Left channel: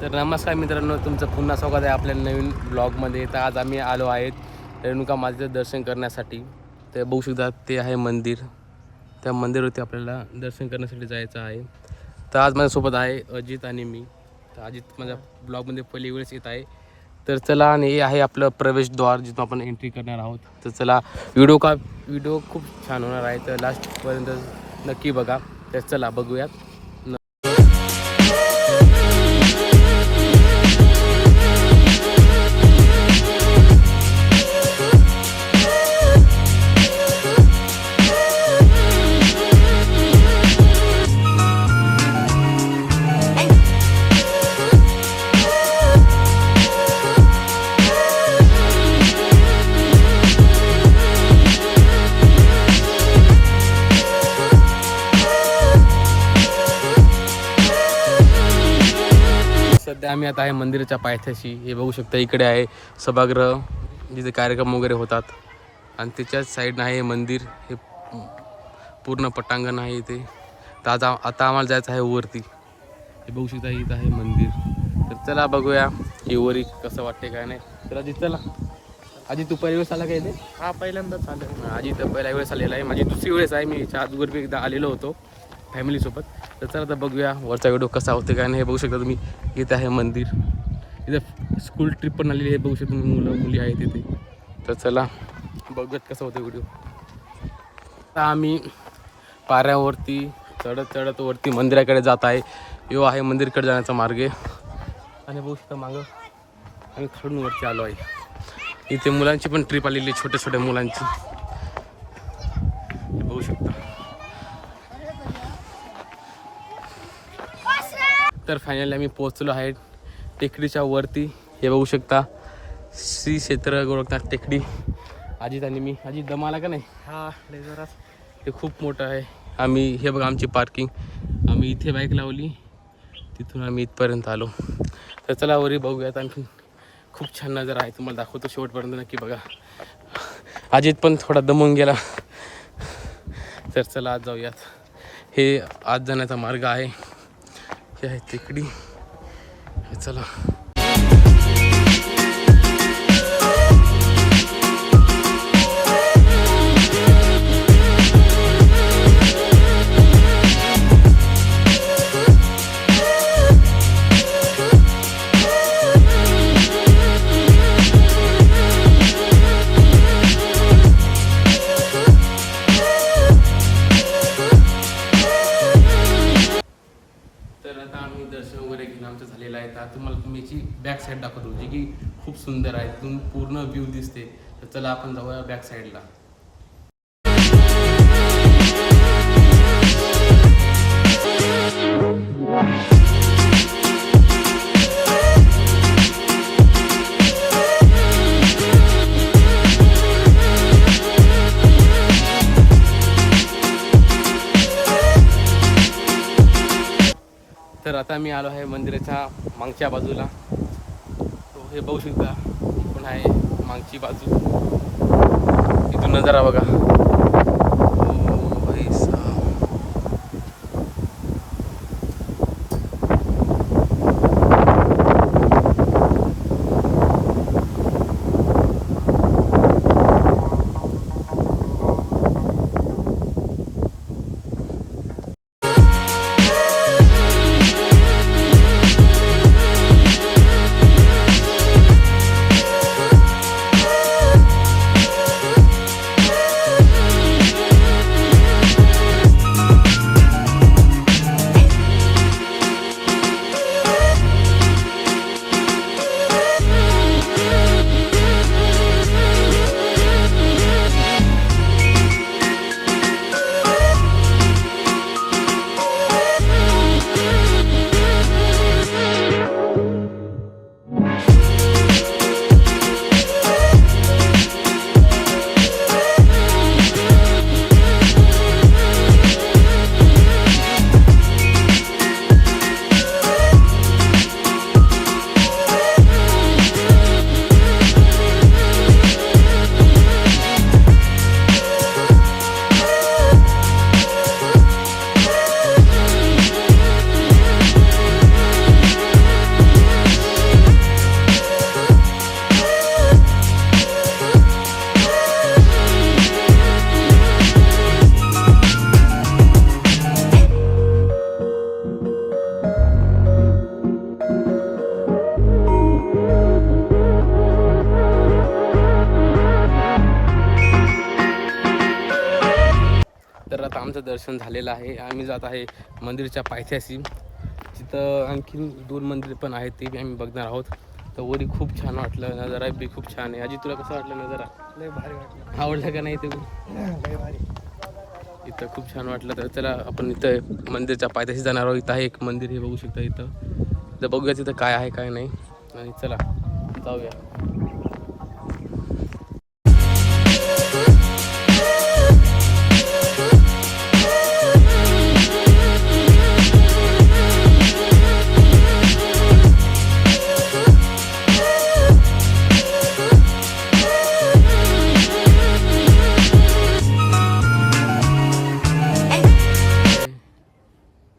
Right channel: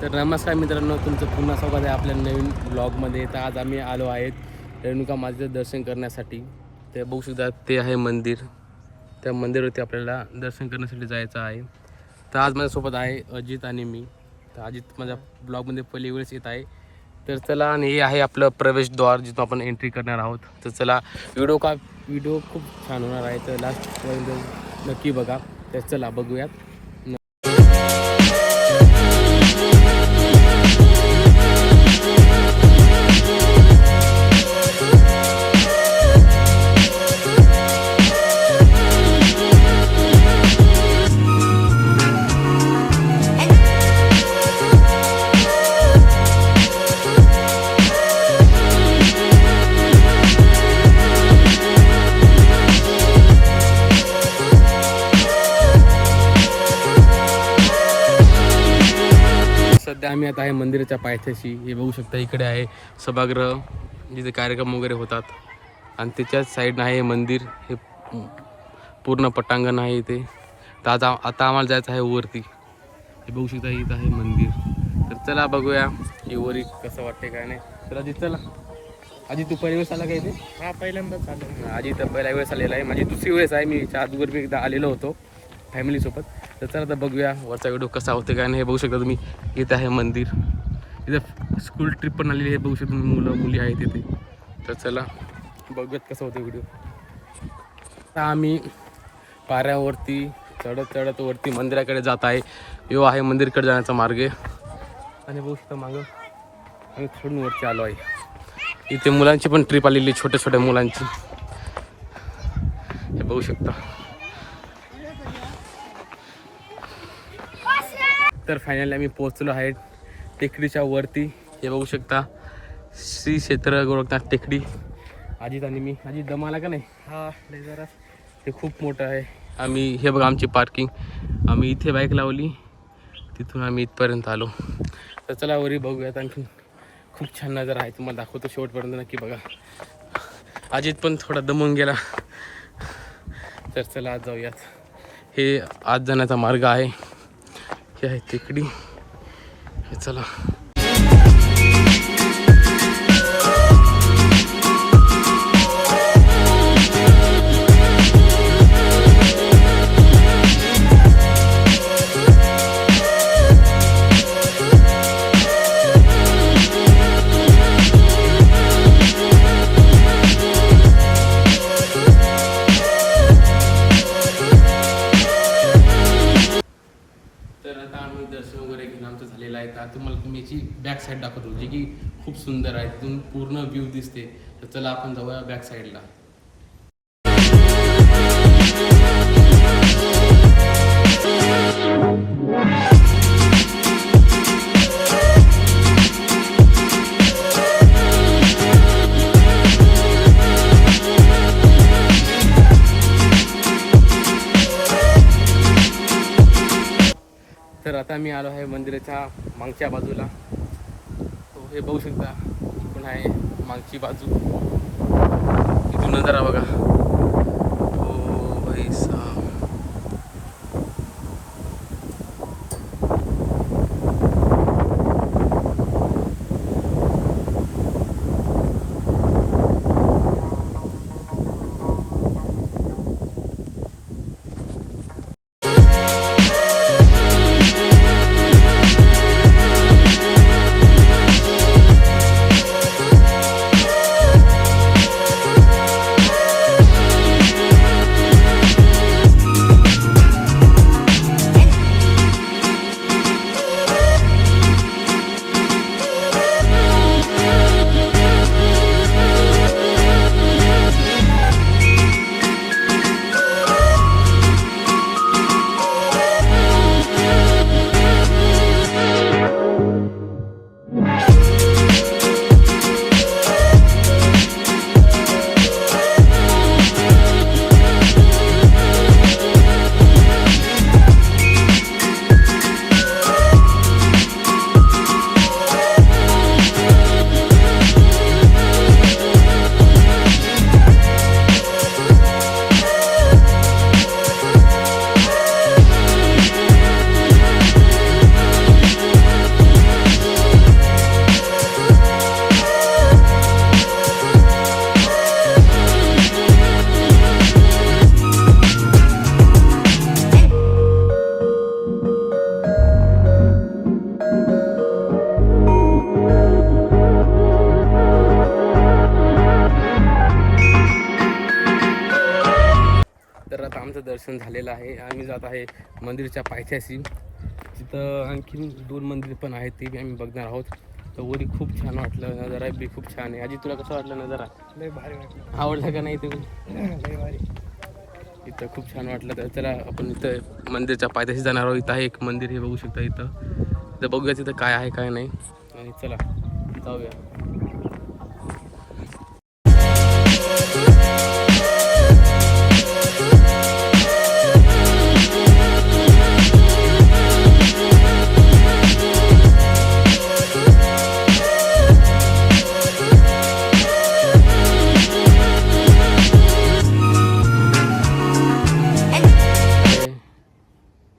तर नमस्कार मित्रांनो, तुमचं पुन्हा स्वागत आहे आपल्या नवीन ब्लॉगमध्ये. तर आज आम्ही आलो आहेत रेणुका मातेचं दर्शन करण्यासाठी. ते बघू शकता, ते आहे मंदिर. त्या मंदिरावरती आपल्याला दर्शन करण्यासाठी जायचं आहे. तर आज माझ्यासोबत आहे अजित आणि मी. तर अजित माझ्या ब्लॉगमध्ये पहिली वेळेस येत आहे. तर चला, आणि हे आहे आपलं प्रवेशद्वार जिथून आपण एंट्री करणार आहोत. तर चला, व्हिडिओ खूप छान होणार आहे, तर लास्टपर्यंत नक्की बघा. तर चला बघूयात. सध्या आम्ही आता आहे मंदिराच्या पायथ्याशी. हे बघू शकता, इकडे आहे सभागृह जिथे कार्यक्रम वगैरे होतात, आणि त्याच्याच साईडनं आहे मंदिर. हे पूर्ण पटांगण आहे इथे. तर आता आम्हाला जायचं आहे वरती. हे बघू शकता, इथं आहे मंदिर. तर चला बघूया की वरी कसं वाटते काय नाही. तर आधी चला. आधी तू पहिल्या वेळेस आला का इथे? हा, पहिल्यांदाच आलं. आधी तर पहिल्या वेळेस आलेला आहे, माझी दुसरी वेळेस आहे. मी अगोदर मी एकदा आलेलो होतो फॅमिलीसोबत. तर चला आता बघूया वरचा व्हिडिओ कसा होते काय नाही. हे बघू शकता तुम्ही, इथे आहे मंदिर. इथं स्कूल ट्रिप पण आलेली आहे, बघू शकता तुम्ही, मुलं मुली आहेत इथे. तर चला बघूयात कसं होतं व्हिडिओ. आता आम्ही पाऱ्यावरती चढत वरती मंदिराकडे जात आहे. यो आहे मंदिरकडे जाण्याचा मार्ग. आणि बघू शकता मागं आम्ही खडून वरती आलो आहे. इथे मुलांची पण ट्रिप आलेली, छोट्या छोट्या मुलांची. हे बघू शकता. तर फायनली आम्ही पोहोचलो आहे टेकडीच्या वरती. हे बघू शकता, श्री क्षेत्र गोरखनाथ टेकडी. अजित आणि मी. अजित दम आला का नाही? हा, लय जरा. ते खूप मोठं आहे. आम्ही, हे बघा आमची पार्किंग. आम्ही इथे बाईक लावली, तिथून आम्ही इथपर्यंत आलो. तर चला वरी बघूयात. आणखी खूप छान नजर आहे, तुम्हाला दाखवतो, शेवटपर्यंत नक्की बघा. अजित पण थोडा दमून गेला. तर चला आज जाऊयात. हे आज जाण्याचा मार्ग आहे. हे आहे टेकडी. चला. तर आता आम्ही दर्शन वगैरे घेऊन आमचं झालेलं आहे. तर तुम्हाला मी याची बॅक साईड दाखवतो, जी की खूप सुंदर आहे. तिथून पूर्ण व्ह्यू दिसते. तर चला आपण जाऊया बॅक साईडला. तर आता मी आलो आहे मंदिराच्या मागच्या बाजूला. तो हे बघू शकता, पण आहे मागची बाजू. इथून नजारा बघा. ओ भाई साहब. आमचं दर्शन झालेलं आहे. आम्ही जात आहे मंदिरच्या पायथ्याशी. तिथं आणखी 2 मंदिर पण आहेत, ते बी आम्ही बघणार आहोत. तर वरी खूप छान वाटलं, नजारा बी खूप छान आहे. आजी तुला कसं वाटलं नजारा? लय भारी वाटलं. आवडलं का नाही ते? लय भारी. इथं खूप छान वाटलं. तर चला आपण इथं मंदिरच्या पायथ्याशी जाणार आहोत. इथं आहे एक मंदिर, हे बघू शकता इथं बघूया तिथं काय आहे काय नाही. आणि चला जाऊया.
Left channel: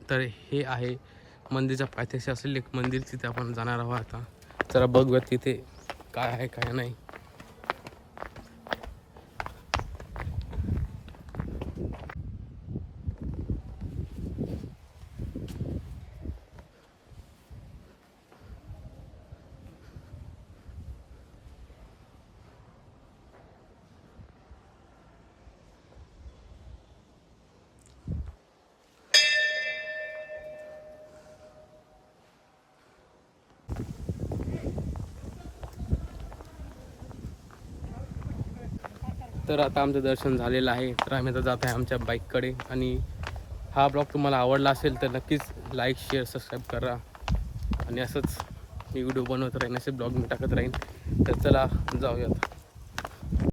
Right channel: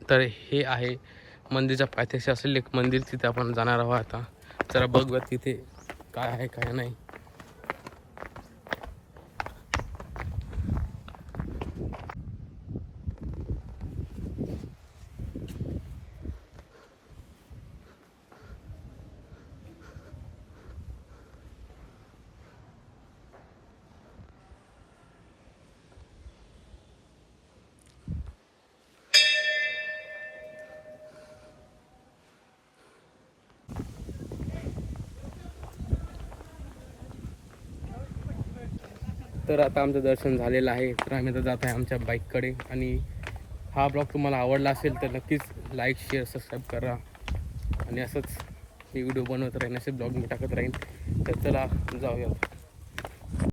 तर हे आहे मंदिरच्या पायथ्याशी असलेले एक मंदिर, तिथे आपण जाणार आहोत. आता जरा बघूया तिथे काय आहे काय नाही. तर आता आमचं दर्शन झालेलं आहे. तर आम्ही आता जात आहे आमच्या बाईककडे. आणि हा ब्लॉग तुम्हाला आवडला असेल तर नक्कीच लाईक, शेअर, सबस्क्राईब करा. आणि असंच मी व्हिडिओ बनवत राहीन, असे ब्लॉग मी टाकत राहीन. तर चला जाऊयात.